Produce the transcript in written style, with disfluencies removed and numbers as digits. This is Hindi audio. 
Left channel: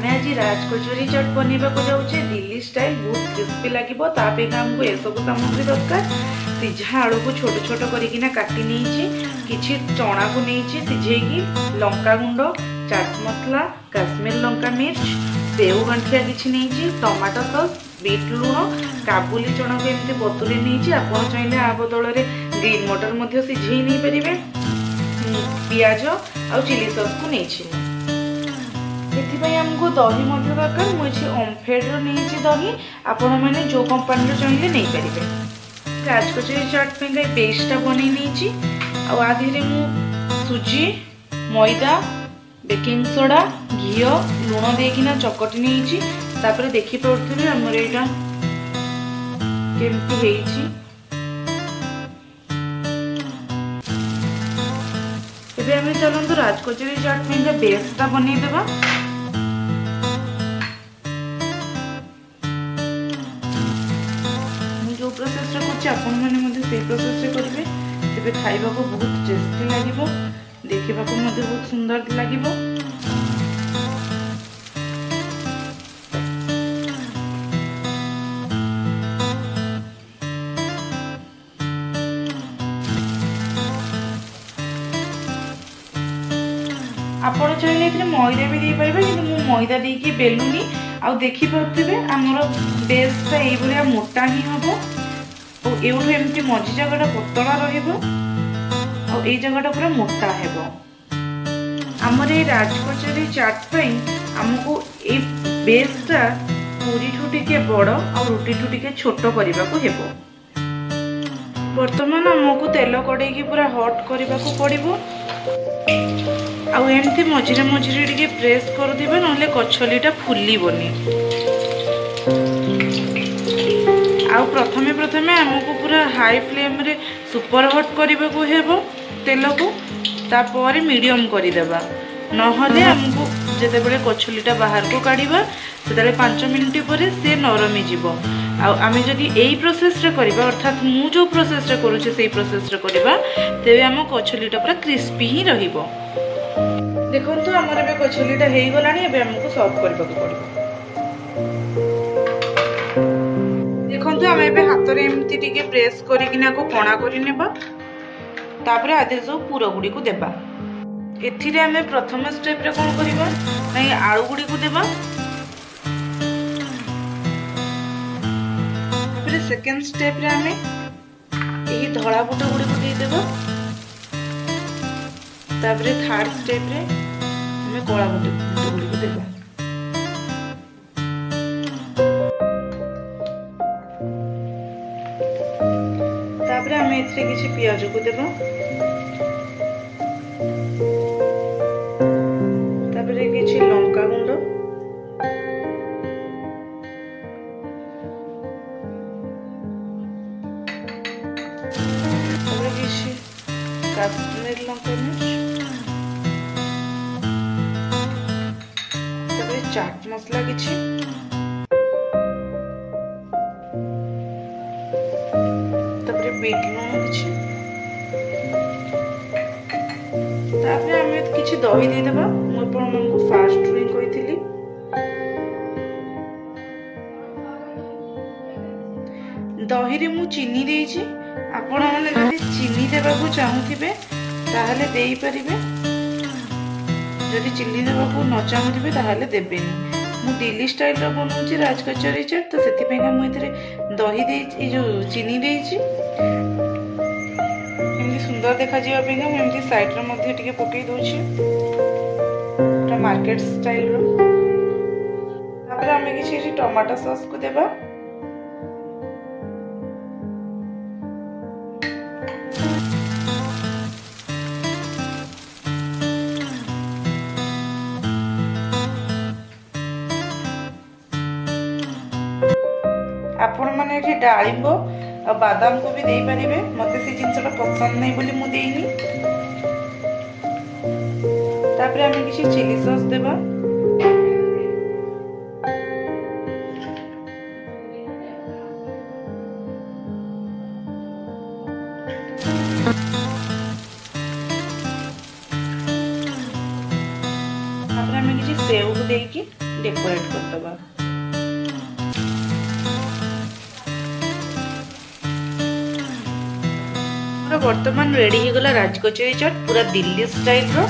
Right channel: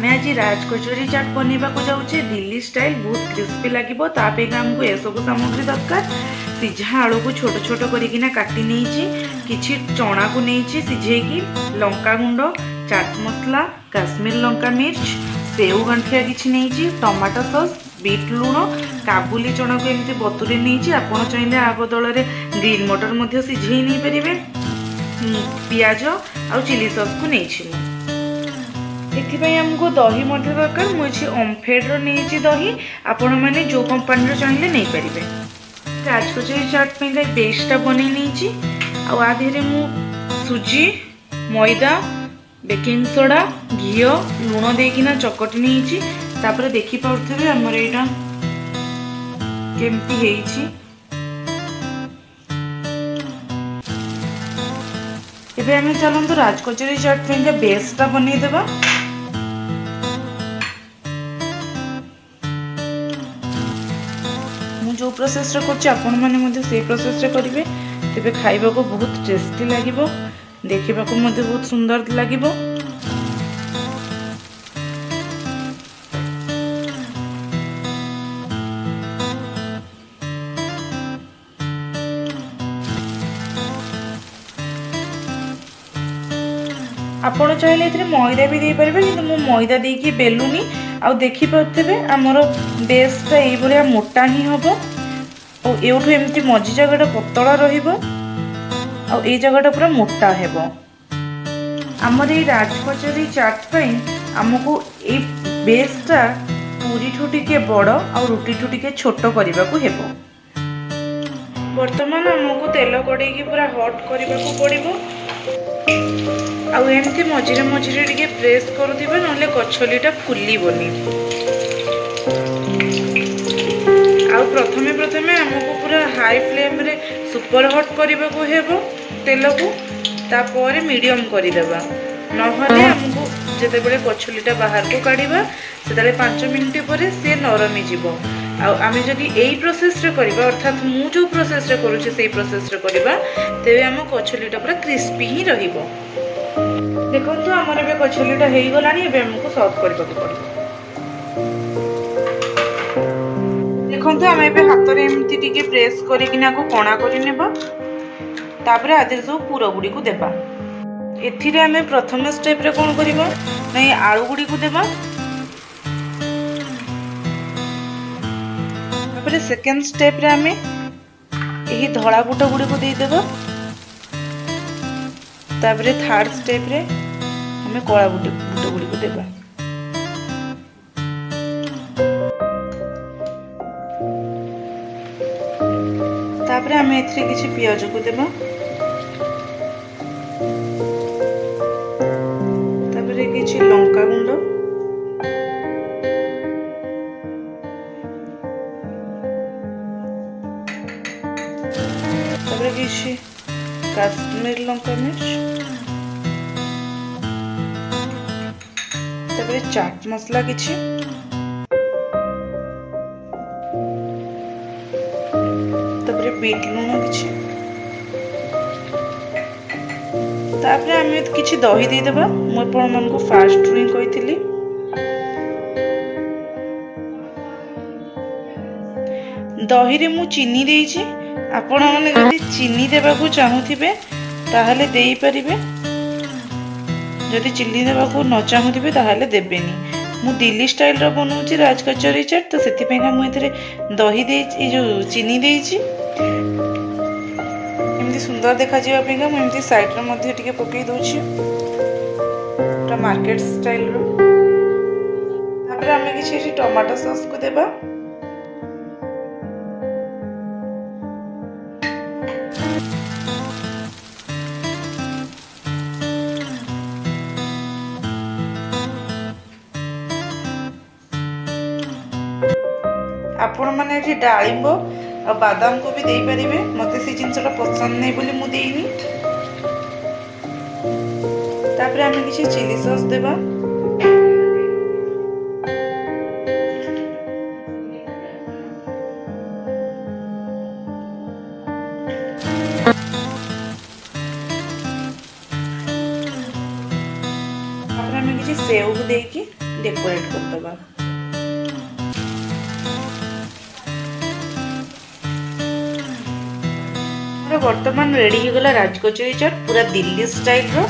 मैं आज राजकचोरी चाट बनवा जाऊे दिल्ली स्टाइल बहुत क्रिस्पी लगे आमको ये सब सामग्री दरकार। सीझा आलू को छोट छोट करके काटी नहीं चना को नहीं सीझेकी लंका गुंड चाट मसला काश्मीर लंका मिर्च सेव गंठिया किसी नहीं टमाटो सॉस बीट लुण काबुली चना को एमती बतुरी नहीं आप चाहिए आ बदल ग्रीन मटर सीझे नहीं पारे पियाज आ चिली सॉस को नहीं आमको दही दरकार मुझे ओमफेड नहीं दही आपण मैंने जो कंपनी चाहिए नहीं पारे। राजकचोरी चाट पे पेस्टा बन आधे मु सुजी मैदा बेकिंग सोडा घी लुण देकिना चकटी नहीं देखिपे आमर यहाँ केमती है। चलते राजकचोरी चाट पे बेसटा बनईदेवा। जो प्रोसेस कर प्रोसेस करेंगे तेरे खाइबा को बहुत टेस्टी लगे देखा बहुत सुंदर लगे। आपण चाहिए मैदा भी दे पारे कि मैदा देकी बेलुनी आ देखिपे आमर बेसटा ये मोटा ही हम एवठू एमती मझी जगह पतला रही जगह पूरा मोटा है। आमर ये राजकचोरी चाट आमको ये बेसटा पूरी ठू टिके बड़ आ रुटी ठू टिके छोट करने को हेबो। वर्तमान आमको तेल कड़े पूरा हट करने को पड़ो आमती मझे मझे टे प्रेस करुवा ना कचलीटा फुलबनी। प्रथमे प्रथमे आमको पूरा हाई फ्लेम रे सुपर हट करने को हेबो तेल को तापर मीडियम करदेबा नहले आमको जिते कचलीटा बाहर को काढ़ा से 5 मिनट पर सी नरमी जीव। आमे जदि यही प्रोसेस रे करबा अर्थात मु जो प्रोसेस रे करूछे सेही प्रोसेस रे करबा तेबे आम कचलीटा पूरा क्रिस्पी ही रहिबो। देखो आमर ए कचलीटा हो गलानी आमको सर्व करने को पड़ो। देखो आम ए हाथ में एमती टिके प्रेस करना कणा कर आधे सब पुर गुड़ी को देबा। एथिरे आम प्रथम स्टेप रे कौन करबा नहीं आलू गुड़ी को देबा। सेकेंड स्टेप रे आम यही धड़ा बुट गुड़ी को दे देबा। तापरे थर्ड स्टेप रे हमें कला बुट गुड़ी को देबा। तापरे हमें एथिरे किछि पियाज को देबा। तापरे किछि लंका गुंड तापरे किछि काश्मीर लंका मिर्च चाट मसला किछि तापरे बीट लुण किछि तापरे हमें किछि दही दे देबा। मो आपण मन को फास्ट ड्रिंक कहितली दही रे मु चीनी देइछि। आपण माने जदि चीनी देबा को चाहुथिबे ताहाले देई परिबे जदि चिल्ली देवा को न चाहूबे ताहले देबेनी। मु दिल्ली स्टाइल रो बनाउची राजकचोरी चाट तो सेति मुझे दही दे जो चीनी देइची एमती सुंदर देखा जावा मुझे साइड रे मध्ये टिके पकई दोची मार्केट स्टाइल रो। तापर आमे किछि टमाटो सॉस को देबा। आपण माने एठी डाळिंब आ बादाम को भी देई परिबे। मते से जिंसटा पसंद नै बोली मु देइनी। तापर आमे किछि चिली सॉस देबा। तापर आमे किछि सेव को देकी डेकोरेट करदबा। बर्तमान रेडी हो गला राजकचोरी चाट पूरा दिल्ली स्टाइल रो।